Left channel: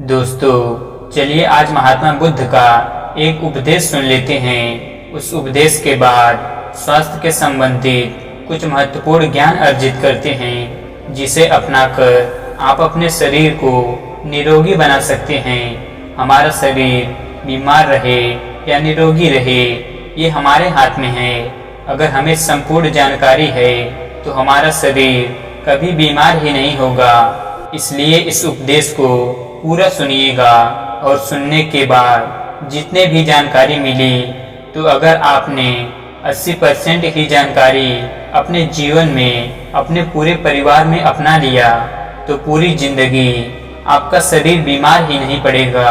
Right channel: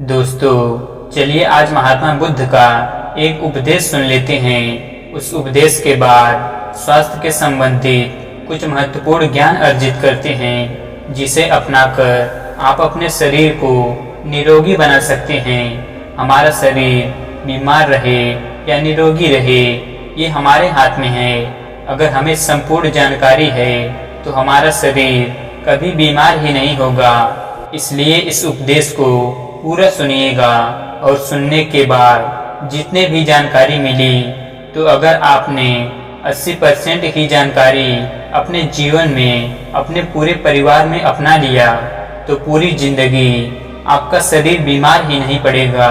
दोस्तों, चलिए आज महात्मा बुद्ध का एक उपदेश सुन लेते हैं। उस उपदेश के बाद स्वास्थ्य के संबंधित कुछ महत्वपूर्ण ज्ञान अर्जित करते हैं, जिसे अपनाकर आप अपने शरीर को निरोगी बना सकते हैं। हमारा शरीर बीमार रहे या निरोगी रहे, ये हमारे हाथ में है। अगर हमें संपूर्ण जानकारी है तो हमारा शरीर कभी बीमार ही नहीं होगा। इसलिए इस उपदेश को पूरा सुनिएगा और सुनने के बाद जितने भी जानकारी मिली, तो अगर आपने 80% ही जानकारी अपने जीवन में अपने पूरे परिवार में अपना लिया तो पूरी जिंदगी आपका शरीर बीमार ही नहीं पड़ेगा,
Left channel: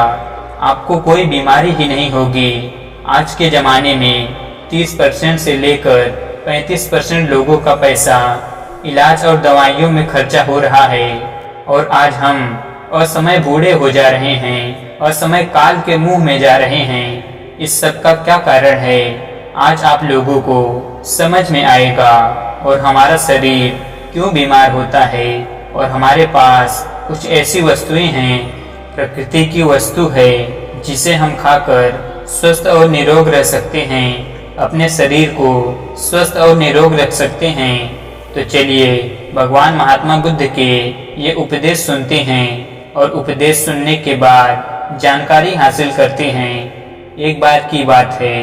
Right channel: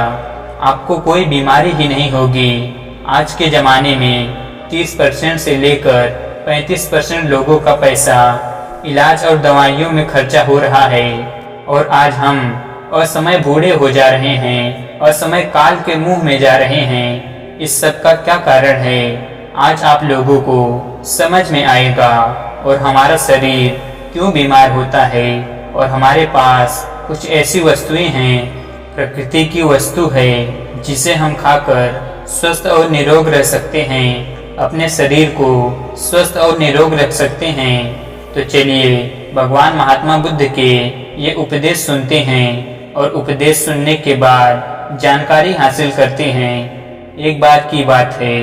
आपको कोई बीमारी ही नहीं होगी। आज के ज़माने में 30% से लेकर 35% लोगों का पैसा इलाज और दवाइयों में खर्चा हो रहा है और आज हम असमय बूढ़े हो जा रहे हैं, असमय काल के मुंह में जा रहे हैं। इस सब का क्या कारण है, आज आप लोगों को समझ में आएगा। और हमारा शरीर क्यों बीमार होता है और हमारे पास कुछ ऐसी वस्तुएं हैं, प्रकृति की वस्तु है, जिसे हम खाकर स्वस्थ और निरोग रह सकते हैं, अपने शरीर को स्वस्थ और निरोग रख सकते हैं। तो चलिए भगवान महात्मा बुद्ध के ये उपदेश सुनते हैं और उपदेश सुनने के बाद जानकारी हासिल करते हैं। एक बार की बात है,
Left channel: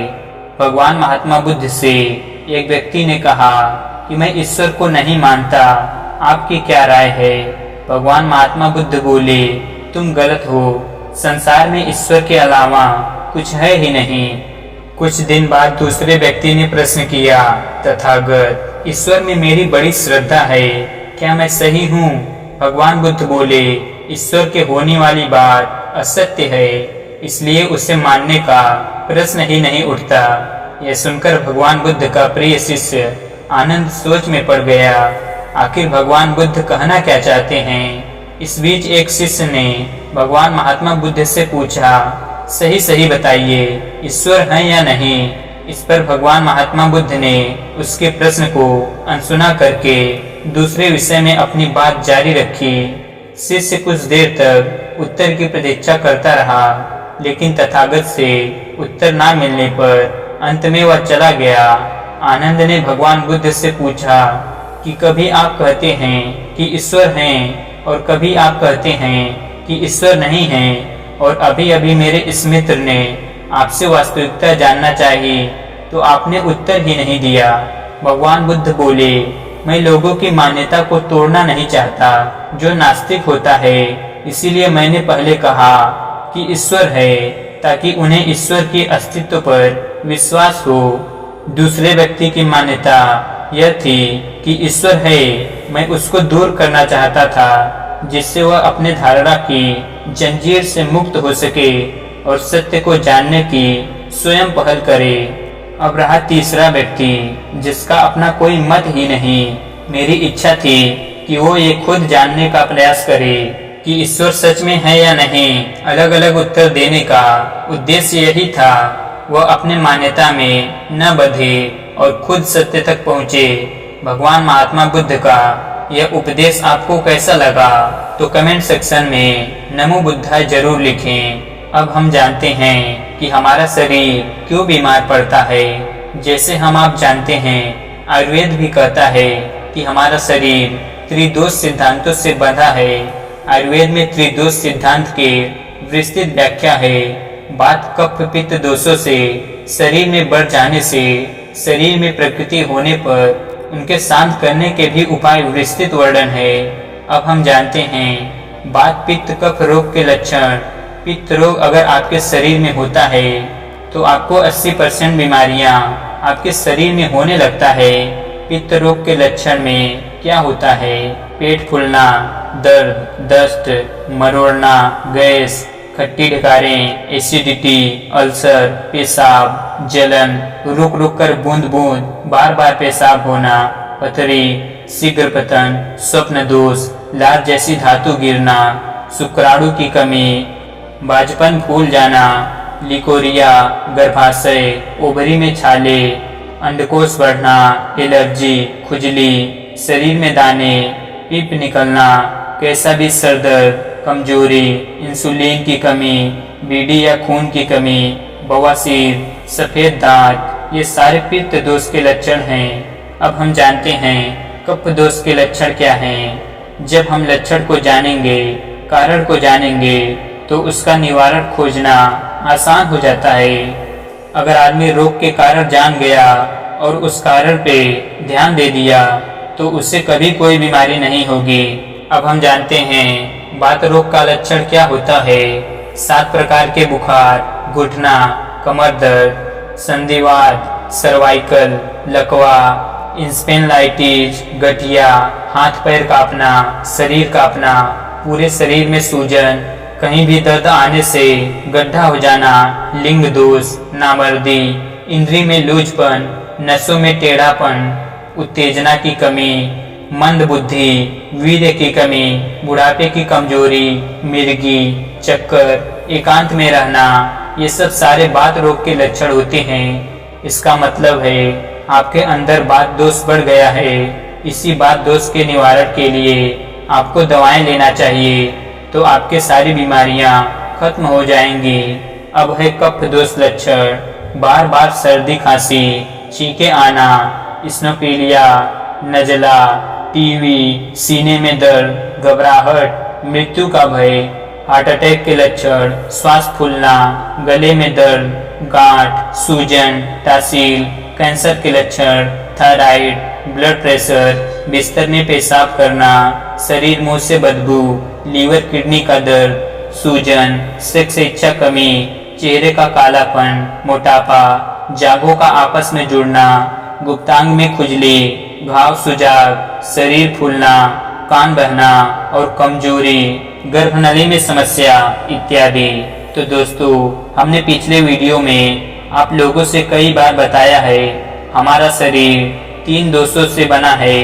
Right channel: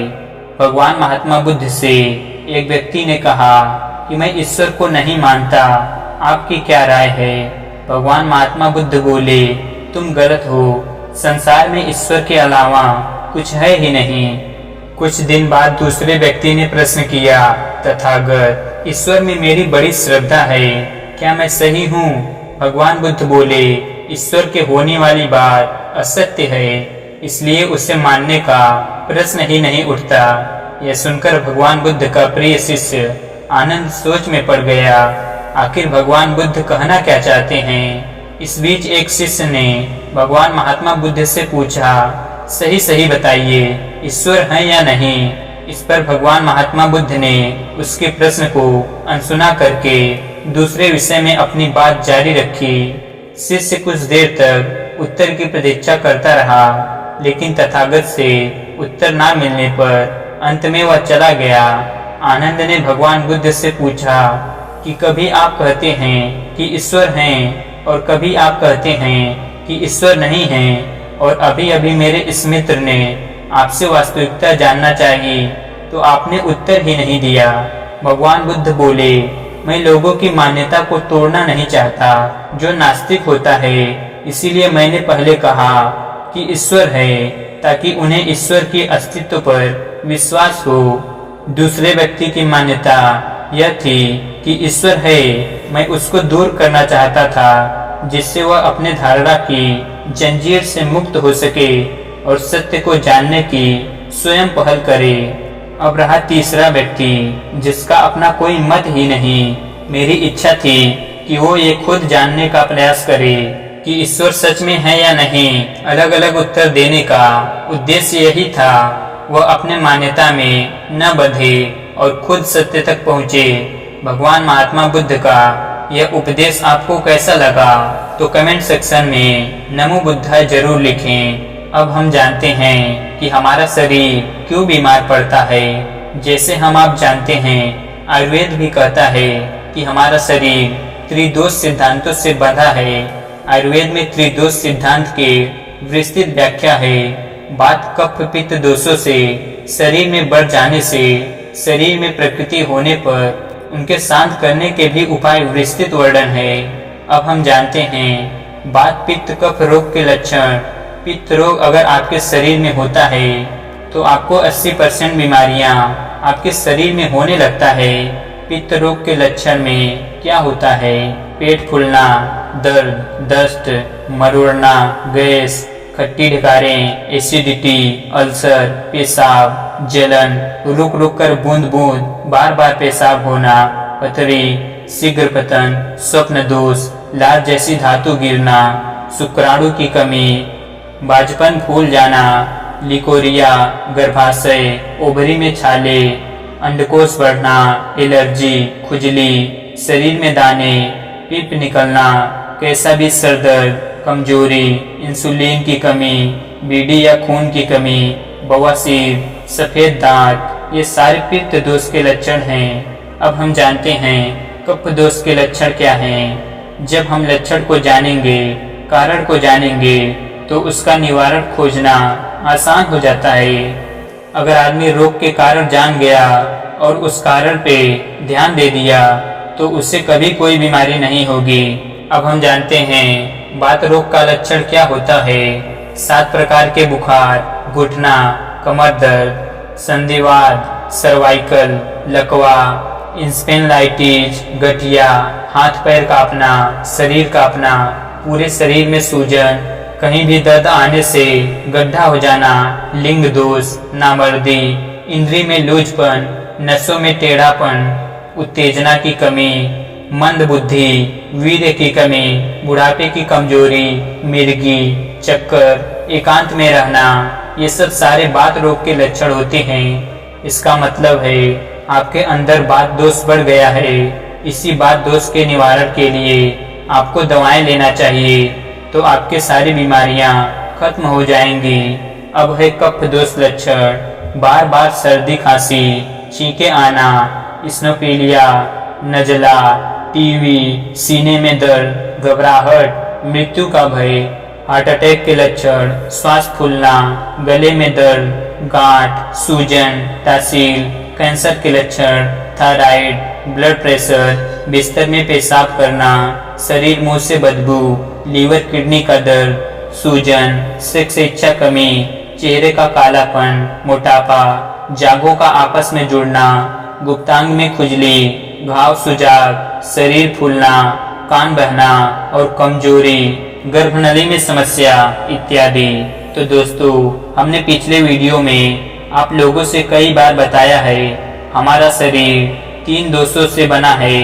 भगवान महात्मा बुद्ध से एक व्यक्ति ने कहा कि मैं ईश्वर को नहीं मानता, आपकी क्या राय है। भगवान महात्मा बुद्ध बोले, तुम गलत हो, संसार में ईश्वर के अलावा कुछ है ही नहीं। कुछ दिन बाद दूसरे व्यक्ति ने प्रश्न किया, तथागत, ईश्वर में मेरी बड़ी श्रद्धा है, क्या मैं सही हूँ। भगवान बुद्ध बोले, ईश्वर के होने वाली बात असत्य है, इसलिए उसे मानने का प्रश्न ही नहीं उठता। यह सुनकर भगवान बुद्ध का प्रिय शिष्य आनंद सोच में पड़ गया। आखिर भगवान बुद्ध कहना क्या चाहते हैं। इस बीच एक शिष्य ने भगवान महात्मा बुद्ध से पूछा, सही सही बताइए, ईश्वर है या नहीं। इस पर भगवान महात्मा बुद्ध ने उसके प्रश्न को अनसुना करके दूसरे विषय में अपनी बात जारी रखी। शिष्य कुछ देर तक उत्तर की प्रतीक्षा करता रहा, लेकिन तथागत से उत्तर ना मिलने पर अंत में वह चला गया। आनंद ने भगवान बुद्ध से पूछा कि कभी आप कहते हैं कि ईश्वर हैं और कभी आप कहते हैं कि ईश्वर नहीं है, और अभी अभी मेरे इस मित्र ने आपसे वास्तविकता जानना चाहिए तो आपने उत्तर ही नहीं दिया। भगवान बुद्ध बोले, मैं लोगों की मान्यता को तोड़ना नहीं चाहता जो नास्तिक होता है, इसीलिए मैंने पहले कहा कि ईश्वर है, ताकि उन्हें ईश्वर के अस्तित्व पर विश्वास हो। दूसरे व्यक्ति की मान्यता यह थी कि ईश्वर है, मैं उसको दूर करना चाहता था, जिससे वह अपने धारणा की जंजीर से मुक्त हो सके और सत्य को जानने की स्वयं पहल करे। अब रहा तीसरा व्यक्ति, जिसका अपना कोई मत ही नहीं। मेरी इच्छा थी कि वो ये खुद जानने का प्रयास करे कि ईश्वर सच में है या नहीं। अलग अलग उत्तर देने का उद्देश्य यही था, वह अपने मान्यता में न बंधे और खुद सत्य तक पहुँचे। भगवान महात्मा बुद्ध का यह उपदेश आपको कैसा लगा तो कमेंट सेक्शन में नमो बुद्धाय जरूर लिखें। अब हम जानते हैं कि हमारा शरीर क्यों बीमार पड़ता है। जैसे हम आप जानते हैं, आयुर्वेद भी कहता है कि हमारा शरीर त्रिदोष सिद्धांतों से बंधा है। आयुर्वेद में त्रिदोष सिद्धांत के विस्तृत व्याख्या है। बात कफ पित्त दोषों से शरीर में बढ़ जाने से, शरीर में प्रकृति होने पर उनके शांत करने के भी उपाय विस्तृत वर्णन है। अब हम जानते हैं बात पित्त कफ रोग के लक्षण। पित्त रोग अगर आपके शरीर में होता है तो आपको 80% बीमारियां आपके शरीर में होने लगता है। पित्त रोग के लक्षण में क्या होता है, पेट फूलना, दर्द, दस्त, मरोड़ना, गैस, खट्टी ढकारें, एसिडिटी, अल्सर, पेशाब, जलन, रुक रुक कर बूंद बूंद बार बार पेशाब होना, पथरी, शीघ्र पतन, स्वप्न दोष, लार जैसी धातु गिरना, शुक्राणु की कमी, बाजपन फूल जाना, लिकोरिया, गर्भाशय, ओवरी में छाले, अंडकोश बढ़ना, एलर्जी, खुजली, शरीर में दाने, पीप निकलना, कैसा भी सर दर्द, कमजोरी, इंसुलिन की कमी, बीडी या खून की कमी, बवासीर, सफ़ेद दांत, ये सारे पित्त दोष के लक्षण हैं। अब हम जानते हैं कफ दोष के लक्षण क्या हैं। जब हम लक्षण को जानेंगे, कारण को जानेंगे, तो उसका निवारण खोजना आसान हो जाता है। अगर आदमी रोग के कारण जान गया और उस कारण पे ध्यान दे दिया तो उससे कभी कोई बीमारी नहीं होगी। अब हम जानते हैं बात रोग का लक्षण क्या होता है। 7 प्रकार के बुखार, घुटना, कमर दर्द, संधिवात, सर्वाइकल, लकवा, इंस्पेनलाइटिस, गठिया, हाथ पैर कांपना, शरीर कांपना, पूरे शरीर में सूजन, कहीं भी दर्द आने से गड्ढा हो जाना, लिंग दोष, नामर्दी, इंद्री में लूजपन, नसों में टेढ़ापन, उत्तेजना की कमी, मंद बुद्धि, वीर्य की कमी, बुढ़ापे की कमजोरी, मिर्गी, चक्कर, एकांत में रहना, ये सब सारे बात रोग के लक्षण होते हैं। इसका मतलब है आपके अंदर बात दोष बढ़ गया है। इसी बात दोष के निवारण के लिए आपको दवाएं लेना चाहिए, तो आपके सारी बीमारियां खत्म हो जाएंगी। अब है कफ दोष लक्षण। बार बार सर्दी खांसी, छींके आना, स्नोफीलिया, नजला, टीवी, सीने में दर्द, घबराहट, मृत्यु का भय, हार्ट अटैक के लक्षण, श्वास फूलना, गले में दर्द, गांठ, सूजन, तासील, कैंसर के लक्षण, थायराइड, ब्लड प्रेशर, बिस्तर में पेशाब करना, शरीर मुंह से बदबू, लीवर किडनी का दर्द, सूजन, सेक्स इच्छा कमी, चेहरे का कालापन, मोटापा, जांघों का आपस में जुड़ना, गुप्तांग में खुजली, घाव सुजाग, शरीर फूलना, कान बहना और कमजोरी, गर्भनली में समस्या इत्यादि। तो दोस्तों, हमने पिछले वीडियो में आप लोगों से कई बार बताया है हमारा शरीर 3 दोषों से बना है।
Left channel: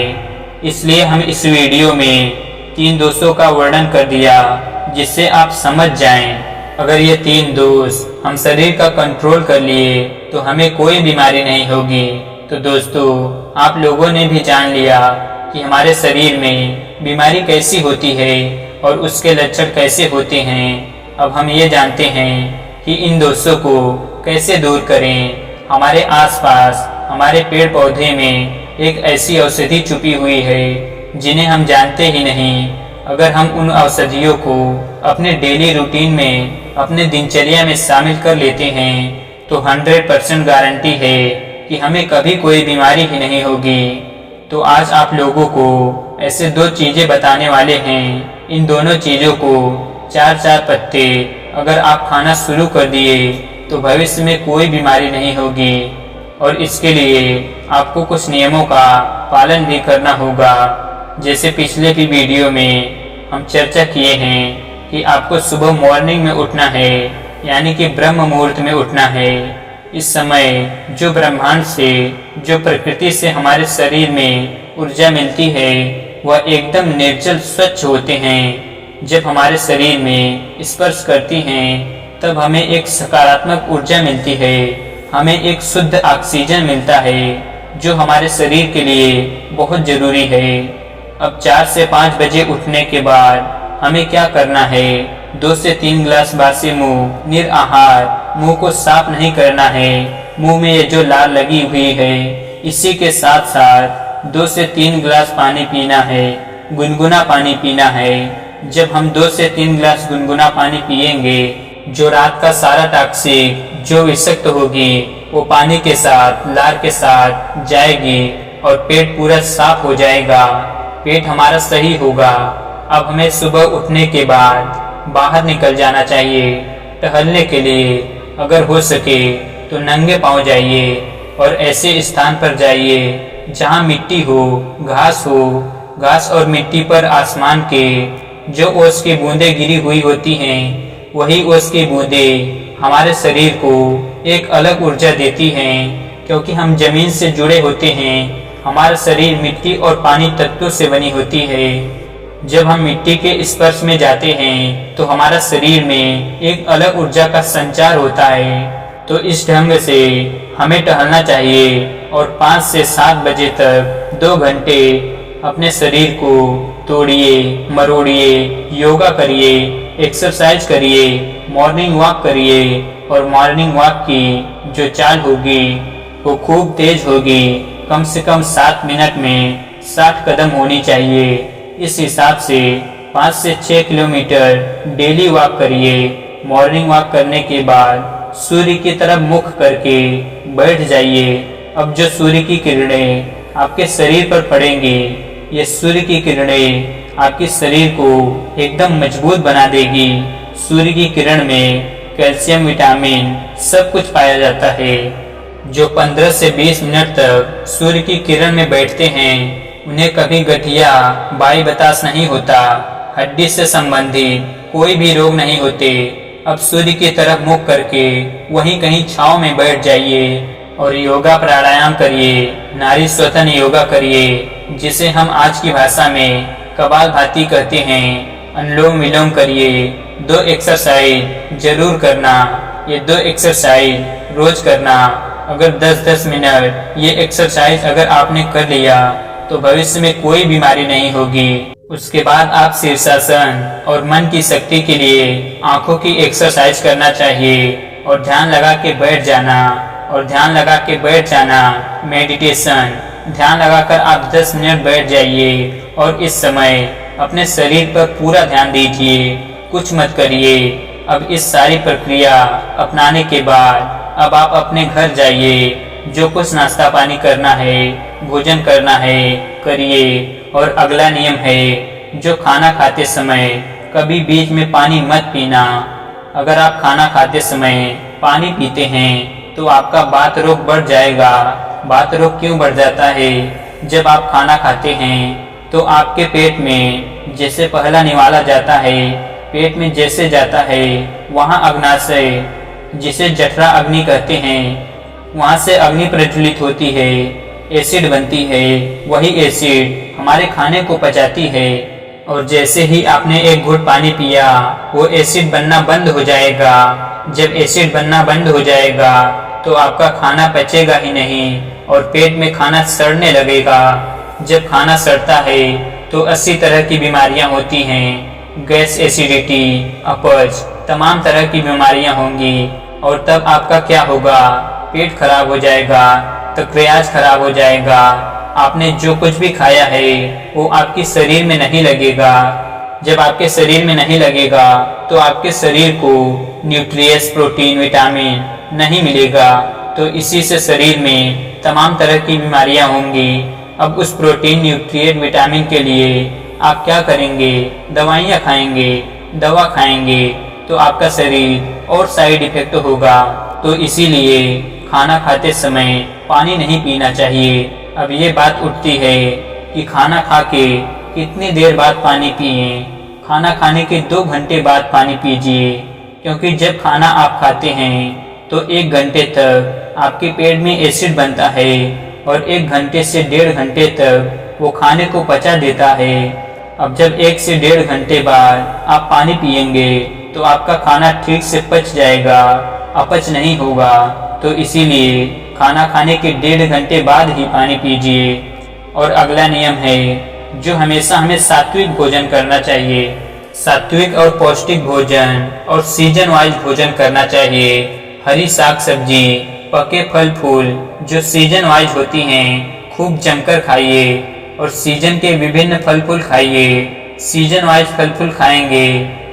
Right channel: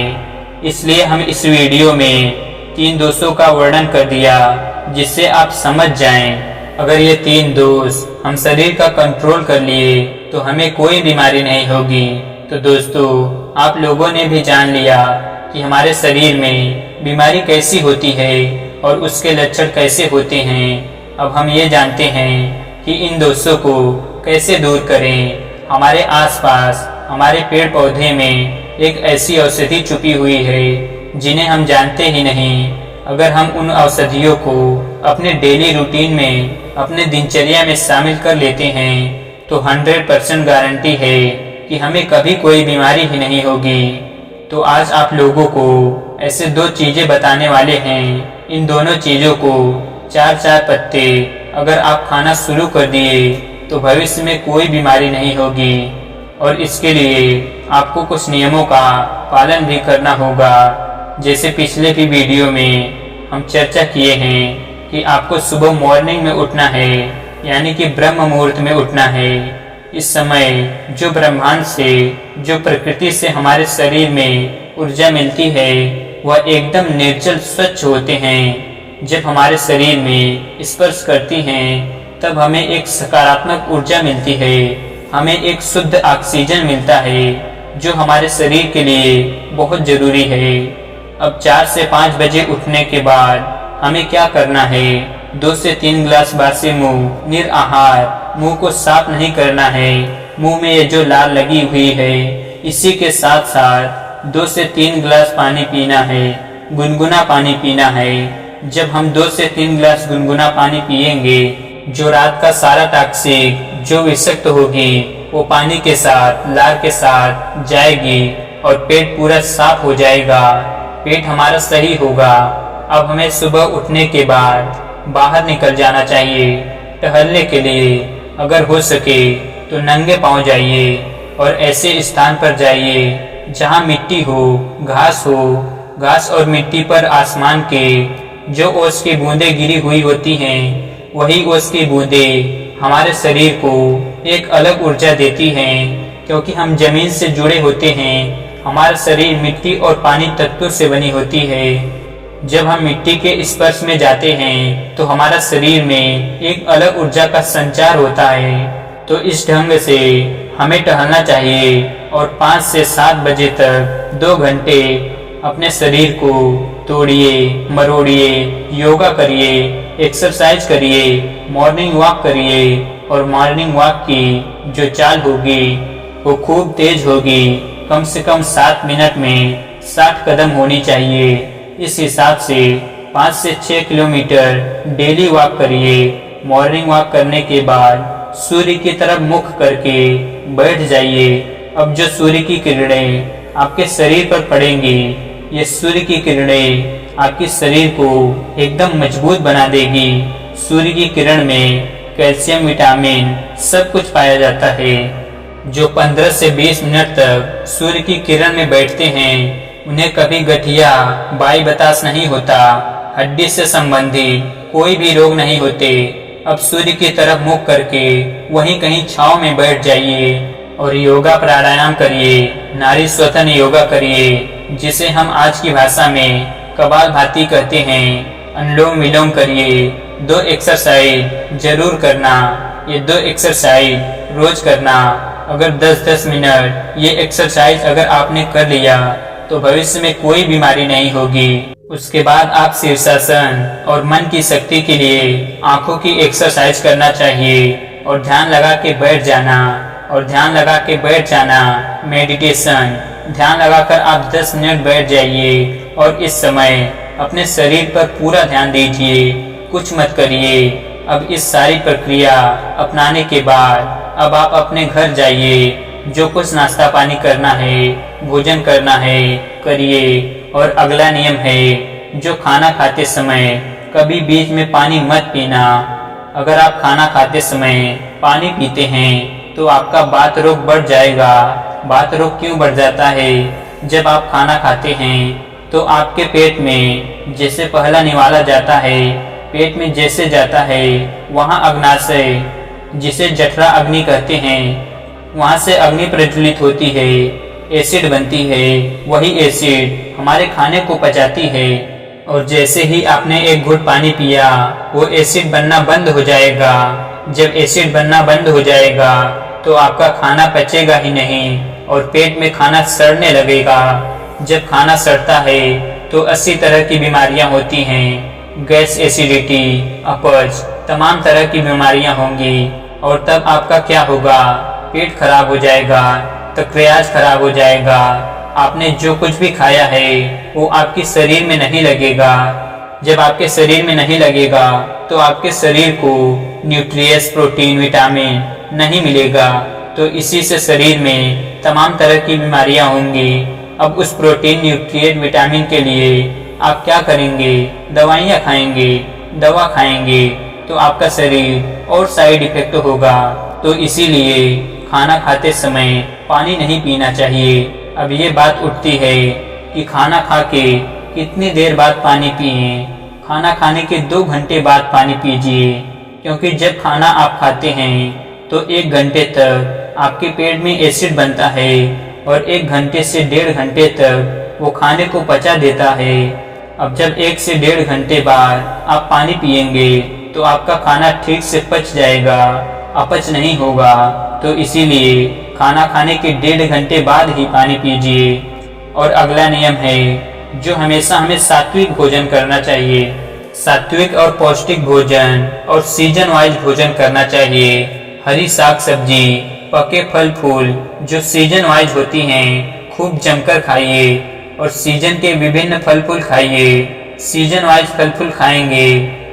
इसलिए हम इस वीडियो में 3 दोषों का वर्णन कर दिया जिससे आप समझ जाएं। अगर ये 3 दोष हम शरीर का कंट्रोल कर लिए तो हमें कोई बीमारी नहीं होगी। तो दोस्तों, आप लोगों ने भी जान लिया कि हमारे शरीर में बीमारी कैसी होती है और उसके लक्षण कैसे होते हैं। अब हम ये जानते हैं कि इन दोषों को कैसे दूर करें। हमारे आसपास हमारे पेड़ पौधे में एक ऐसी औषधि छुपी हुई है जिन्हें हम जानते ही नहीं। अगर हम उन औषधियों को अपने डेली रूटीन में, अपने दिनचर्या में शामिल कर लेते हैं तो 100% गारंटी है कि हमें कभी कोई बीमारी ही नहीं होगी। तो आज आप लोगों को ऐसे 2 चीज़ें बताने वाले हैं। इन दोनों चीज़ों को 4-4 पत्ते अगर आप खाना शुरू कर दिए तो भविष्य में कोई बीमारी नहीं होगी। और इसके लिए आपको कुछ नियमों का पालन भी करना होगा। जैसे पिछले भी वीडियो में हम चर्चा किए हैं कि आपको सुबह मॉर्निंग में उठना है, यानी कि ब्रह्म मुहूर्त में उठना है। इस समय जो ब्रह्मांड से, जो प्रकृति से हमारे शरीर में ऊर्जा मिलती है वह एकदम निर्जल स्वच्छ होते हैं। जब हमारे शरीर में स्पर्श करती हैं तब हमें एक सकारात्मक ऊर्जा मिलती है, हमें एक शुद्ध ऑक्सीजन मिलता है जो हमारे शरीर के लिए बहुत ज़रूरी है। अब 4 से 5 बजे उठने के बाद हमें क्या करना है? 2 से 3 गिलास बासी मुंह, निराहार, मुंह को साफ नहीं करना है। मुंह में ये जो लार लगी हुई है इसी के साथ साथ 2 से 3 गिलास पानी पीना है, गुनगुना पानी पीना है। जब हम 2 से 3 गिलास गुनगुना पानी पिएंगे, जो रात का सारा टॉक्सिक, जो विषाक्त होगी वो पानी के साथ, लार के साथ जाएगी और पेट पूरा साफ हो जाएगा, पेट हमारा सही होगा। अब हमें सुबह उठने के बाद बाहर निकल जाना चाहिए टहलने के लिए। अगर हो सके तो नंगे पांव जाइए और ऐसे स्थान पर जाइए जहां मिट्टी हो, घास हो। घास और मिट्टी पर आसमान के जो ओस की बूंदें गिरी हुई होती हैं वही ओस की बूंदें हमारे शरीर को एक अलग ऊर्जा देती हैं। क्योंकि हम जमीन से जुड़े होते हैं, हमारा शरीर मिट्टी और पानी तत्वों से बनी होती है। जब हम मिट्टी के स्पर्श में जाते हैं तो हमारा शरीर में एक अलग ऊर्जा का संचार होता है। तो इस ढंग से हमें टहलना चाहिए और 5 से 7 बजे तक 2 घंटे अपने शरीर को तोड़िए, मरोड़िए, योगा करिए, एक्सरसाइज करिए, मॉर्निंग वॉक करिए और मॉर्निंग वॉक की जो चाल होगी वो खूब तेज होगी। कम से कम 7 मिनट में 60 कदम होनी चाहिए। इस हिसाब से 5 से 6 किलोमीटर डेली वॉक करिए। मॉर्निंग वॉक करने के बाद सूर्य की तरफ मुख करके बैठ जाइए। अब जो सूर्य की किरणें आपके शरीर पर पड़ेंगी, ये सूर्य की किरणें आपके शरीर को एकदम मजबूत बना देगी। सूर्य की किरण में कैल्शियम, विटामिन सब कुछ पाया जाता है। जो 15 से 20 मिनट तक सूर्य की किरण में बैठते हैं उन्हें कभी गठिया, बाई बतास नहीं होता, हड्डी से संबंधित कोई भी रोग नहीं होते। अब सूर्य की तरफ मुख करके वहीं कहीं छांव में बैठ जाइए और योगा प्राणायाम करिए। नारी श्वसन योगा करिए, जिसे हम आज की भाषा में कपालभाति कहते हैं। अनुलोम विलोम करिए। 2 एक्सरसाइज जरूर करना। ये 2 एक्सरसाइज रोज करना। अगर 10-10 मिनट ये एक्सरसाइज अगर आपने कर लिया तो भविष्य में कोई बीमारी नहीं होगी। उसके बाद आप शीर्षासन और मन की शक्ति के लिए आंखों की एक्सरसाइज करना चाहिए और ध्यान लगा के बैठ जाना। और ध्यान लगा के बैठ जाना मेडिटेशन। ध्यान लगाकर आप 10 मिनट बैठ जाइए और इस समय अपने शरीर पर पूरा ध्यान दीजिए, कुछ मत करिए। अब इस सारी प्रक्रिया अपनाने के बाद अब आप अपने घर जाइए। जो कुछ नाश्ता पानी करना है, भोजन करना है, करिए। और अगला नियम है, जो खाना खाते समय कभी बीच में पानी मत पीना। अगर आप खाना खाते समय पानी पीते हैं तो आपका बात रोग बढ़ जाएगा। बात रोग क्यों बढ़ जाता है? जब आप खाना खाते हैं तो आपके पेट में जैसे पहला निवाला जाता है, पेट में जैसे जाता है वहाँ अग्नाशय, जिसे जठरा अग्नि कहते हैं, वहाँ से अग्नि प्रज्वलित होती है, एसिड बनती है। वही एसिड हमारे खाने को पचाती है और जैसे ही आपने एक घूंट पानी पिया वो एसिड बनना बंद हो जाएगा। जब एसिड बनना बंद हो जाएगा तो आपका खाना पचेगा ही नहीं और पेट में खाना सड़ने लगेगा। जब खाना सड़ता है तो 80 तरह की बीमारियां होती हैं। गैस, एसिडिटी, अपच, तमाम तरह की बीमारियां होंगी। और तब आपका क्या होगा? पेट खराब हो जाएगा, तकरियाज खराब हो जाएगा। आपने जो कुछ भी खाया है वो आपके शरीर में नहीं लगेगा। जब आपके शरीर में नहीं लगेगा तो आपके शरीर को न्यूट्रिएंट्स, प्रोटीन, विटामिन नहीं मिलेगा। तो इसी से शरीर में तमाम तरह की बीमारियां होंगी। अब उस प्रोटीन, न्यूट्रिएंट, विटामिन के लिए आप क्या करेंगे? दवाइयाँ खाएंगे। दवा खाएंगे तो आपका शरीर और साइड इफेक्ट होगा। तो इसीलिए खाना खाते समय पानी नहीं पीना चाहिए। अब ये बात उठती है कि खाना खा के कितनी देर बाद पानी पिए? खाना खाने के 2 घंटे बाद पानी पीजिए, क्योंकि जब खाना आप खाते हैं तो 1 घंटे तक आपके पेट में एसिड बनता है और 1 घंटे से 1.5 घंटे तक वो खाने को पचा देता है। अब जब 1 से 1.5 घंटे बाद आप पानी पिएंगे तो आपका खाना ठीक से पच जाएगा, अपच नहीं होगा। तो इसीलिए खाना खाने के 1.5 घंटे बाद ही पानी पीजिए। और अगला नियम है, जो हमेशा हमें सात्विक भोजन करना चाहिए। सात्विक और पौष्टिक भोजन और सीजन वाइज भोजन करना चाहिए। हरी साग सब्जी, पके फल फूल जो सीजन वाइज होती हैं खूब जमकर खाइए और सीजन के विभिन्न फल फूल खाइए। सीजन वाइज फल फूल खाएंगे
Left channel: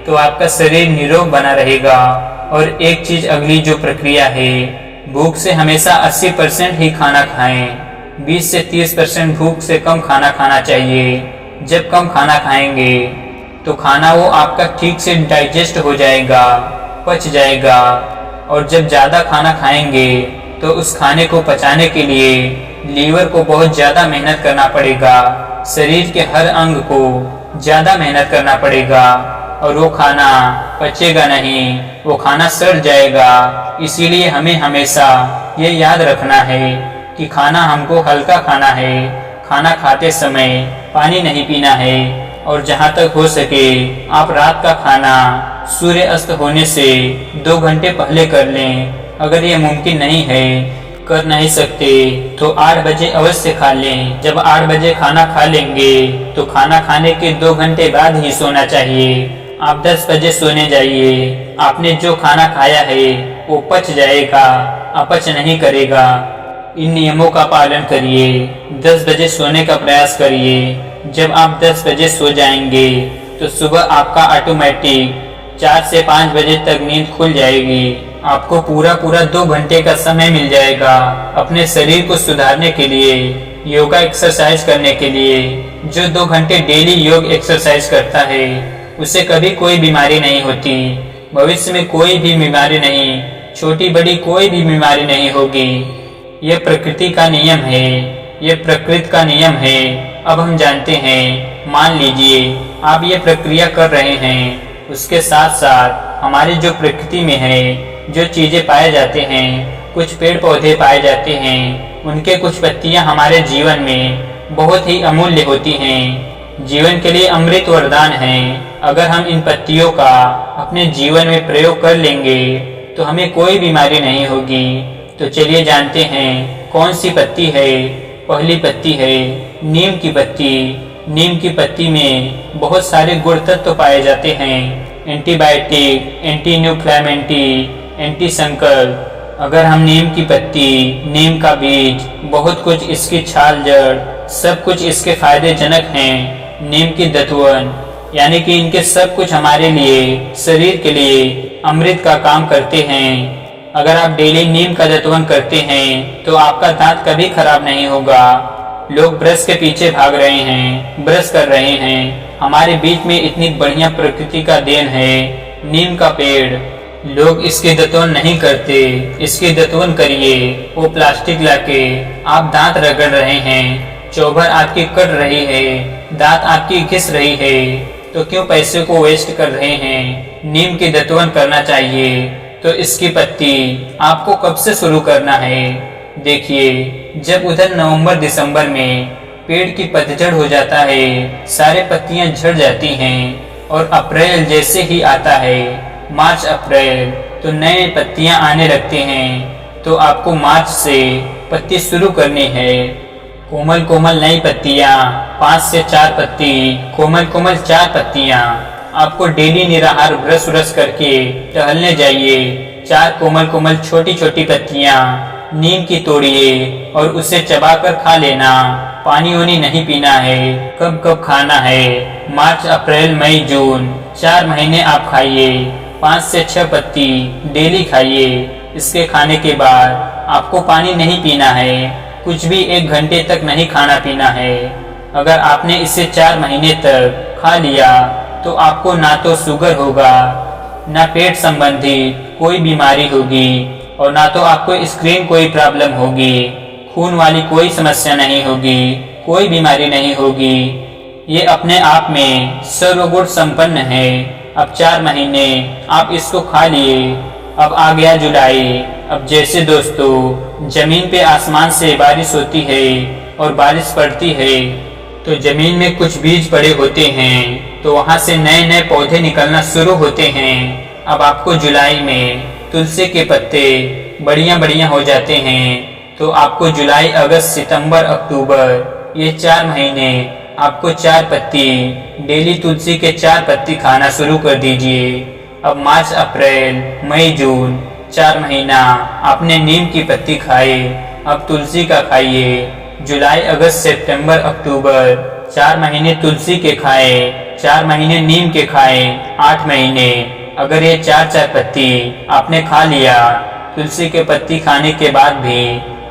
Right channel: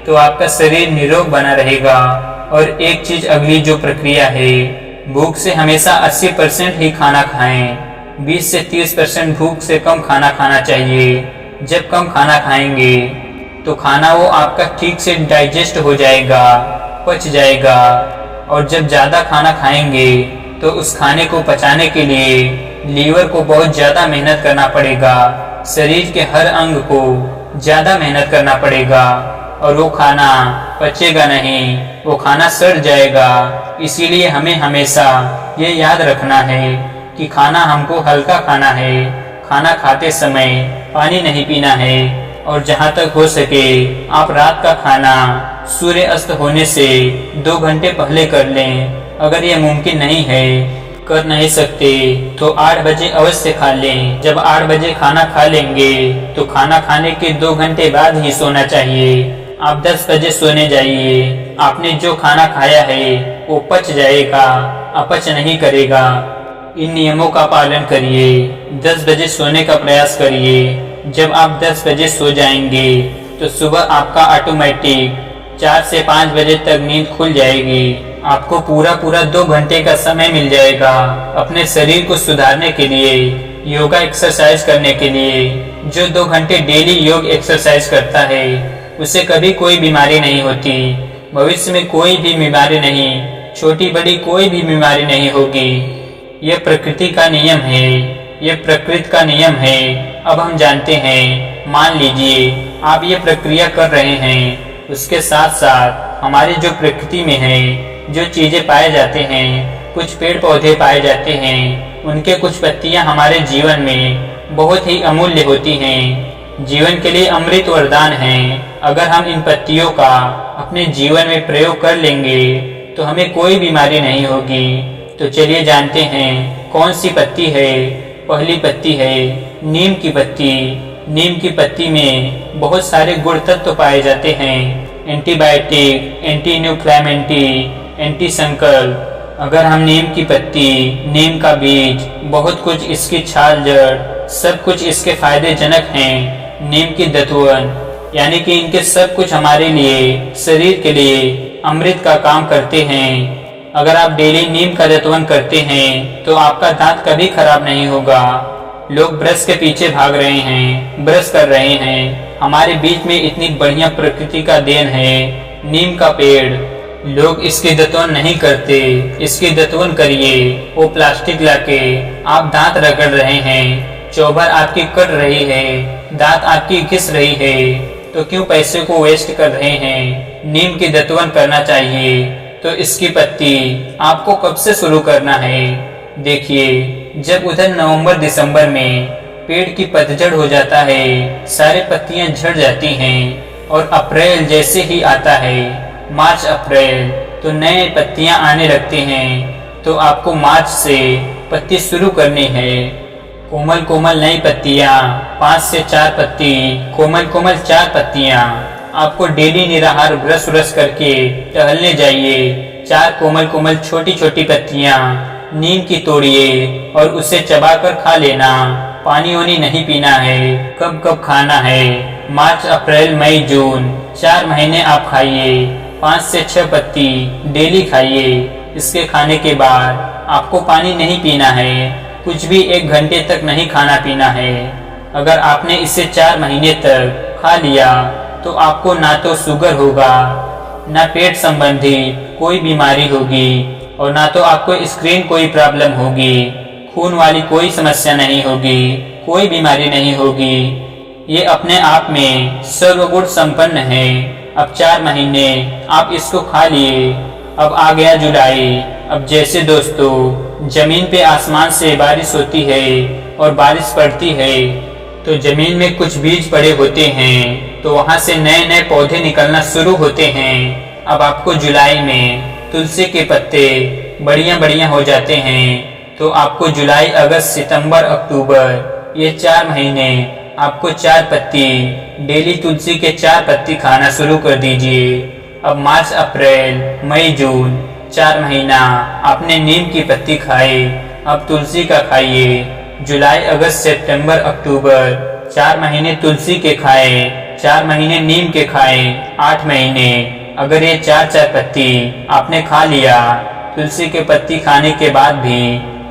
तो आपका शरीर निरोग बना रहेगा। और एक चीज अगली जो प्रक्रिया है, भूख से हमेशा 80% ही खाना खाएं। 20 से 30% भूख से कम खाना खाना चाहिए। जब कम खाना खाएंगे तो खाना वो आपका ठीक से डाइजेस्ट हो जाएगा, पच जाएगा। और जब ज़्यादा खाना खाएंगे तो उस खाने को पचाने के लिए लीवर को बहुत ज़्यादा मेहनत करना पड़ेगा। शरीर के हर अंग को ज़्यादा मेहनत करना पड़ेगा और वो खाना पचेगा नहीं, वो खाना सड़ जाएगा। इसीलिए हमें हमेशा ये याद रखना है कि खाना हमको हल्का खाना है। खाना खाते समय पानी नहीं पीना है। और जहाँ तक हो सके आप रात का खाना सूर्य अस्त होने से 2 घंटे पहले कर लें। अगर ये मुमकिन नहीं है, कर नहीं सकते तो 8 बजे अवश्य खा लें। जब 8 बजे खाना खा लेंगे तो खाना खाने के 2 घंटे बाद ही सोना चाहिए। आप 10 बजे सोने जाइए। आपने जो खाना खाया है वो पच जाएगा, अपच नहीं करेगा। इन नियमों का पालन करिए। 10 बजे सोने का प्रयास करिए। जब आप 10 बजे सो जाएंगे तो सुबह आपका ऑटोमेटिक 4 से 5 बजे तक नींद खुल जाएगी। आपको पूरा 2 घंटे का समय मिल जाएगा अपने शरीर को सुधारने के लिए, योगा एक्सरसाइज करने के लिए। जो 2 घंटे डेली योग एक्सरसाइज करता है उसे कभी कोई बीमारी नहीं होती। भविष्य में कोई भी बीमारी नहीं, छोटी बड़ी कोई भी बीमारी नहीं होगी। यह प्रकृति का नियम है, यह प्रकृति का नियम है। अब हम जानते हैं। मान लीजिए आप ये प्रक्रिया कर रहे हैं, उसके साथ साथ हमारी जो प्रकृति में है जो चीजें पाए जाते हैं, कुछ पेड़ पौधे पाए जाते हैं, उनके कुछ पत्तियां हमारे जीवन में बहुत ही अमूल्य होती हैं, जीवन के लिए अमृत वरदान हैं। अगर हम इन पत्तियों का अपने जीवन में प्रयोग कर लेंगे तो हमें कोई बीमारी नहीं होगी। तो चलिए जानते हैं कौन सी पत्ती है। पहली पत्ती है नीम की पत्ती। नीम की पत्ती में बहुत सारे गुण तत्व पाए जाते हैं, एंटीबायोटिक, एंटी इन्फ्लेमेटरी, एंटी संकल्प। अगर हम नीम की पत्ती, नीम का बीज, बहुत कुछ, इसकी छाल, जड़, सब कुछ इसके फायदेजनक हैं। नीम की दतवन यानी कि इनके सब कुछ हमारे लिए, शरीर के लिए अमृत का काम करते हैं। अगर आप डेली नीम का दतवन करते हैं तो आपका दांत कभी खराब नहीं होगा। लोग ब्रश के पीछे भाग रहे हैं, ब्रश कर रहे हैं। हमारे बीच में इतनी बढ़िया प्रकृति का देन है नीम का पेड़, लोग इसके दतवन नहीं करते। इसके दतवन करिए। वो प्लास्टिक लाके आप दांत रगड़ रहे हैं, चौभर आपकी कट रही है, दांत आपकी घिस रही है, तो क्यों पैसे को वेस्ट कर रहे हैं। नीम की दतवन करना चाहिए। तो इसकी पत्ती आपको कब से शुरू करना है। देखिए जब उधर नवंबर दिसंबर में पेड़ की पतझड़ हो जाता है, सारे पत्तियां झड़ जाती हैं और अप्रैल जैसे ही आता है, मार्च अप्रैल, तो नए पत्तियां आने लगते हैं। तो आपको मार्च से पत्ती शुरू करनी है। कोमल कोमल नई पत्तियां, 5 से 4 पत्ती, कोमल कोमल 4 पत्तियां। आपको डेली निराहार ब्रश व्रश करके टहलने जाइए। 4 कोमल कोमल छोटी छोटी पत्तियां नीम की तोड़िए और उसे चबाकर खा लेना। पानी वानी नहीं पीना है। कब कब खाना है, मार्च अप्रैल मई जून, 4 महीने आप खाइए। 5 से 6 पत्ती डेली खाइए। इसके खाने के बाद आपको पानी नहीं पीना है, कुछ भी 1 घंटे तक नहीं खाना पीना है। अगर आपने इसे 4 महीने तक खा लिया तो आपको ना तो शुगर होगा, ना पेट संबंधी कोई बीमारी होगी और ना तो आपको स्क्रीन कोई प्रॉब्लम होगी, खून वाली कोई समस्या नहीं होगी, कोई बीमारी नहीं होगी। ये अपने आप में सर्वगुण संपन्न है। अब 4 महीने आप इसको खा लिए। अब आ गया जुलाई। अब जैसे दोस्तों जमीन पे आसमान से बारिश होती है और बारिश पड़ती है तो जमीन में कुछ बीज पड़े होते हैं, तो वहाँ से नए नए पौधे निकलना शुरू होते हैं। अब आपको जुलाई में तुलसी के पत्ते बढ़िया हो जाते हैं। तो आपको जुलाई, अगस्त, सितंबर, अक्टूबर, ये 4 महीने आपको 4 पत्ती डेली तुलसी के 4 पत्ती खाना शुरू कर दीजिए। अब मार्च अप्रैल मई जून 4 महीना आपने नीम की पत्ती खाए, अब तुलसी का खाइए। जुलाई, अगस्त, सितंबर, अक्टूबर 4 महीने तुलसी के खाए, 4 महीने नीम के खाए, 8 महीने। अगर ये 4 पत्ती आपने खा लिया, तुलसी के पत्ती खाने के बाद भी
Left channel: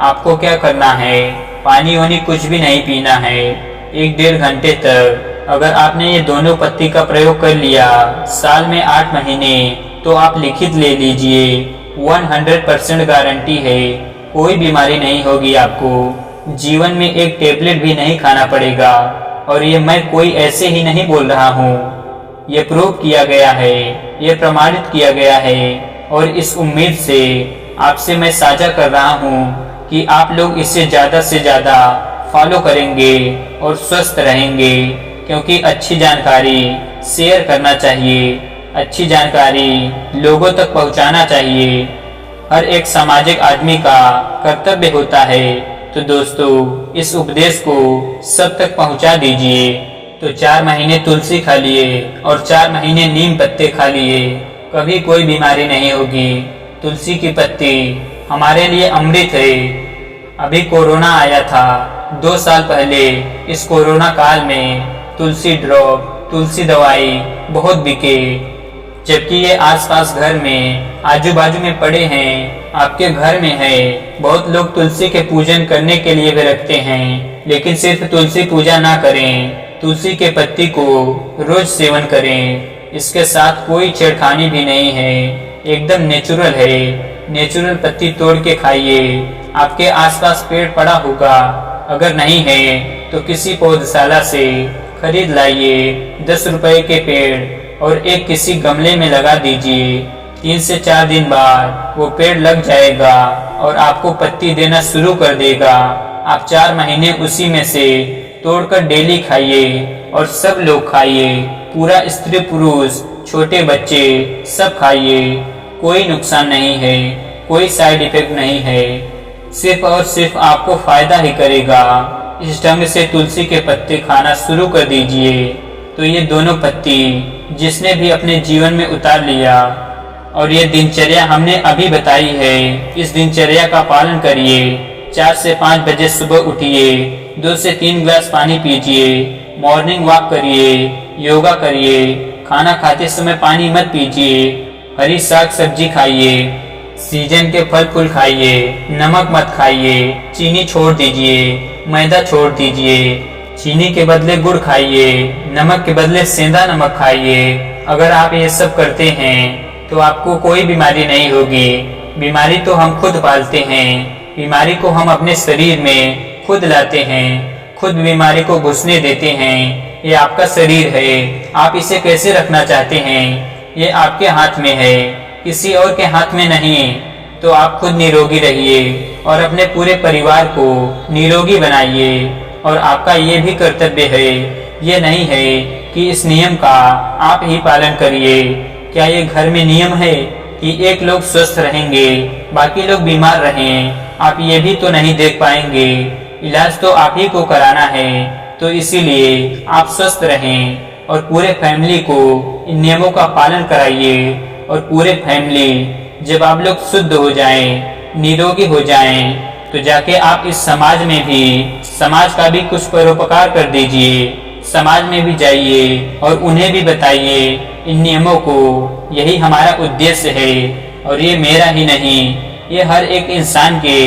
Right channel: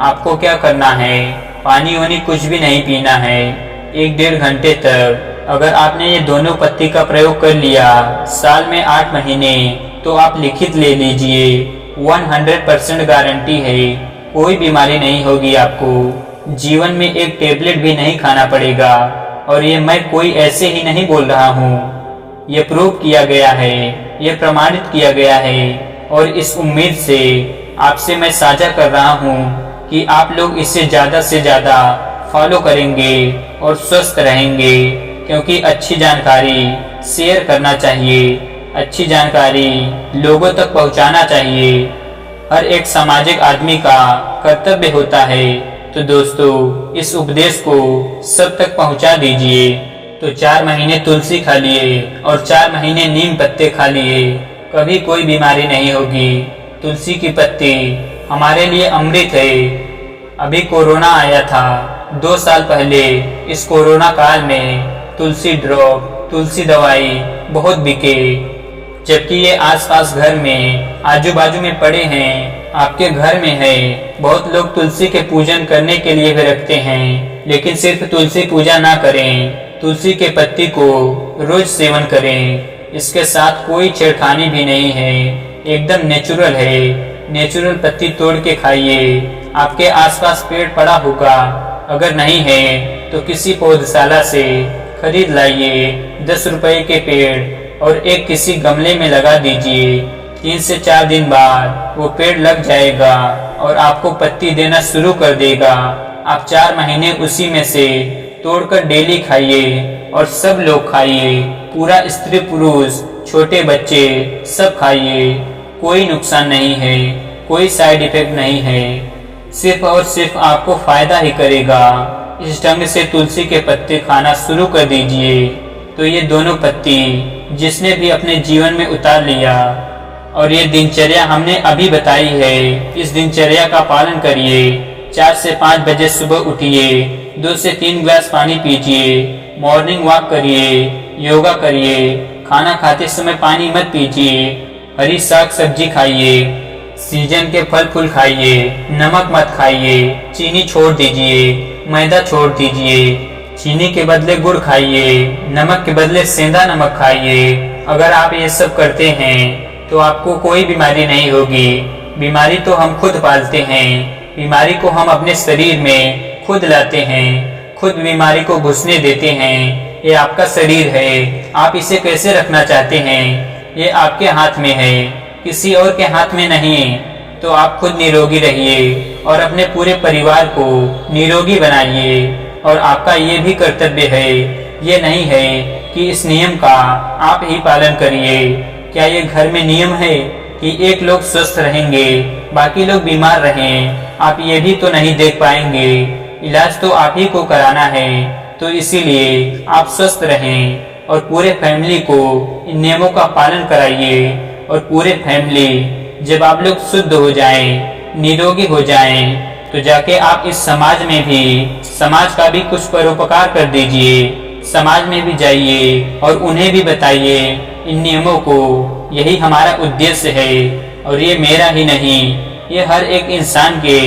आपको क्या करना है, पानी वानी कुछ भी नहीं पीना है 1-1.5 घंटे तक। अगर आपने ये दोनों पत्ती का प्रयोग कर लिया साल में 8 महीने, तो आप लिखित ले लीजिए, 100% गारंटी है, कोई बीमारी नहीं होगी आपको। जीवन में एक टेबलेट भी नहीं खाना पड़ेगा। और ये मैं कोई ऐसे ही नहीं बोल रहा हूँ, ये प्रूव किया गया है, ये प्रमाणित किया गया है। और इस उम्मीद से आपसे मैं साझा कर रहा हूँ कि आप लोग इसे ज़्यादा से ज़्यादा फॉलो करेंगे और स्वस्थ रहेंगे, क्योंकि अच्छी जानकारी शेयर करना चाहिए, अच्छी जानकारी लोगों तक पहुँचाना चाहिए। हर एक सामाजिक आदमी का कर्तव्य होता है। तो दोस्तों, इस उपदेश को सब तक पहुंचा दीजिए। तो 4 महीने तुलसी खा लिए और 4 महीने नीम पत्ते खा लिए, कभी कोई बीमारी नहीं होगी। तुलसी की पत्ती हमारे लिए अमृत है। अभी कोरोना आया था 2 साल पहले। इस कोरोना काल में तुलसी ड्रॉप, तुलसी दवाई बहुत बिके, जबकि ये आसपास घर में, आजू बाजू में पड़े हैं, आपके घर में है। बहुत लोग तुलसी के पूजन करने के लिए भी रखते हैं, लेकिन सिर्फ तुलसी पूजा ना करें, तुलसी के पत्ती को रोज सेवन करें। इसके साथ कोई छेड़खानी भी नहीं है, एकदम नेचुरल है। नेचुरल पत्ती तोड़ के खाइए। आपके आसपास पेड़ पड़ा होगा, अगर नहीं है तो किसी पौधशाला से खरीद लाइए 10 रुपए के पेड़ और एक किसी गमले में लगा दीजिए। 3 से 4 दिन बाद वो पेड़ लग जाएगा और आपको पत्ती देना शुरू कर देगा। आप 4 महीने उसी में से तोड़कर डेली खाइए और सब लोग खाइए, पूरा स्त्री पुरुष छोटे बच्चे सब खाइए। कोई नुकसान नहीं है, कोई साइड इफेक्ट नहीं है, सिर्फ और सिर्फ आपको फायदा ही करेगा। इस ढंग से तुलसी के पत्ते खाना शुरू कर दीजिए। तो ये दोनों पत्ती जिसने भी अपने जीवन में उतार लिया, और ये दिनचर्या हमने अभी बताई है, इस दिनचर्या का पालन करिए। 4 से 5 बजे सुबह उठिए, 2 से 3 गिलास पानी पीजिए, मॉर्निंग वॉक करिए, योगा करिए, खाना खाते समय पानी मत पीजिए, हरी साग सब्जी खाइए, सीजन के फल फूल खाइए, नमक मत खाइए, चीनी छोड़ दीजिए, मैदा छोड़ दीजिए, चीनी के बदले गुड़ खाइए, नमक के बदले सेंधा नमक खाइए। अगर आप ये सब करते हैं तो आपको कोई बीमारी नहीं होगी। बीमारी तो हम खुद पालते हैं, बीमारी को हम अपने शरीर में खुद लाते हैं, खुद बीमारी को घुसने देते हैं। ये आपका शरीर है, आप इसे कैसे रखना चाहते हैं ये आपके हाथ में है, किसी और के हाथ में नहीं। तो आप खुद निरोगी रहिए और अपने पूरे परिवार को निरोगी बनाइए। और आपका ये भी कर्तव्य है, ये नहीं है कि इस नियम का आप ही पालन करिए। क्या ये घर में नियम है कि एक लोग स्वस्थ रहेंगे, बाकी लोग बीमार रहें? आप ये भी तो नहीं देख पाएंगे। इलाज तो आप ही को कराना है, तो इसीलिए आप स्वस्थ रहें और पूरे फैमिली को इन नियमों का पालन कराइए। और पूरे फैमिली जब आप लोग शुद्ध हो जाएं, निरोगी हो जाएं, तो जाके आप इस समाज में भी, समाज का भी कुछ परोपकार कर दीजिए। समाज में भी जाइए और उन्हें भी बताइए इन नियमों को। यही हमारा उद्देश्य है, और ये मेरा ही नहीं, ये हर एक इंसान के,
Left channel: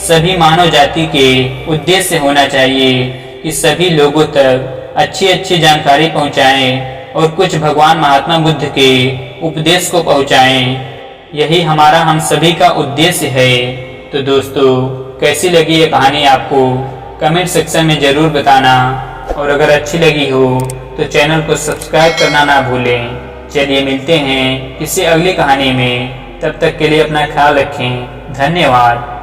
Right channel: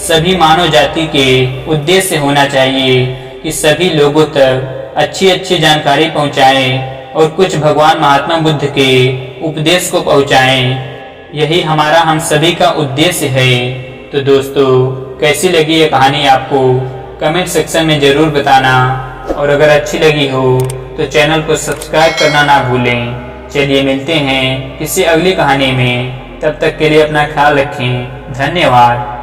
सभी मानव जाति के उद्देश्य होना चाहिए कि सभी लोगों तक अच्छी अच्छी जानकारी पहुंचाएं और कुछ भगवान महात्मा बुद्ध के उपदेश को पहुंचाएं। यही हमारा, हम सभी का उद्देश्य है। तो दोस्तों, कैसी लगी ये कहानी आपको कमेंट सेक्शन में ज़रूर बताना, और अगर अच्छी लगी हो तो चैनल को सब्सक्राइब करना ना भूलें। चलिए मिलते हैं किसी अगली कहानी में, तब तक के लिए अपना ख्याल रखें। धन्यवाद।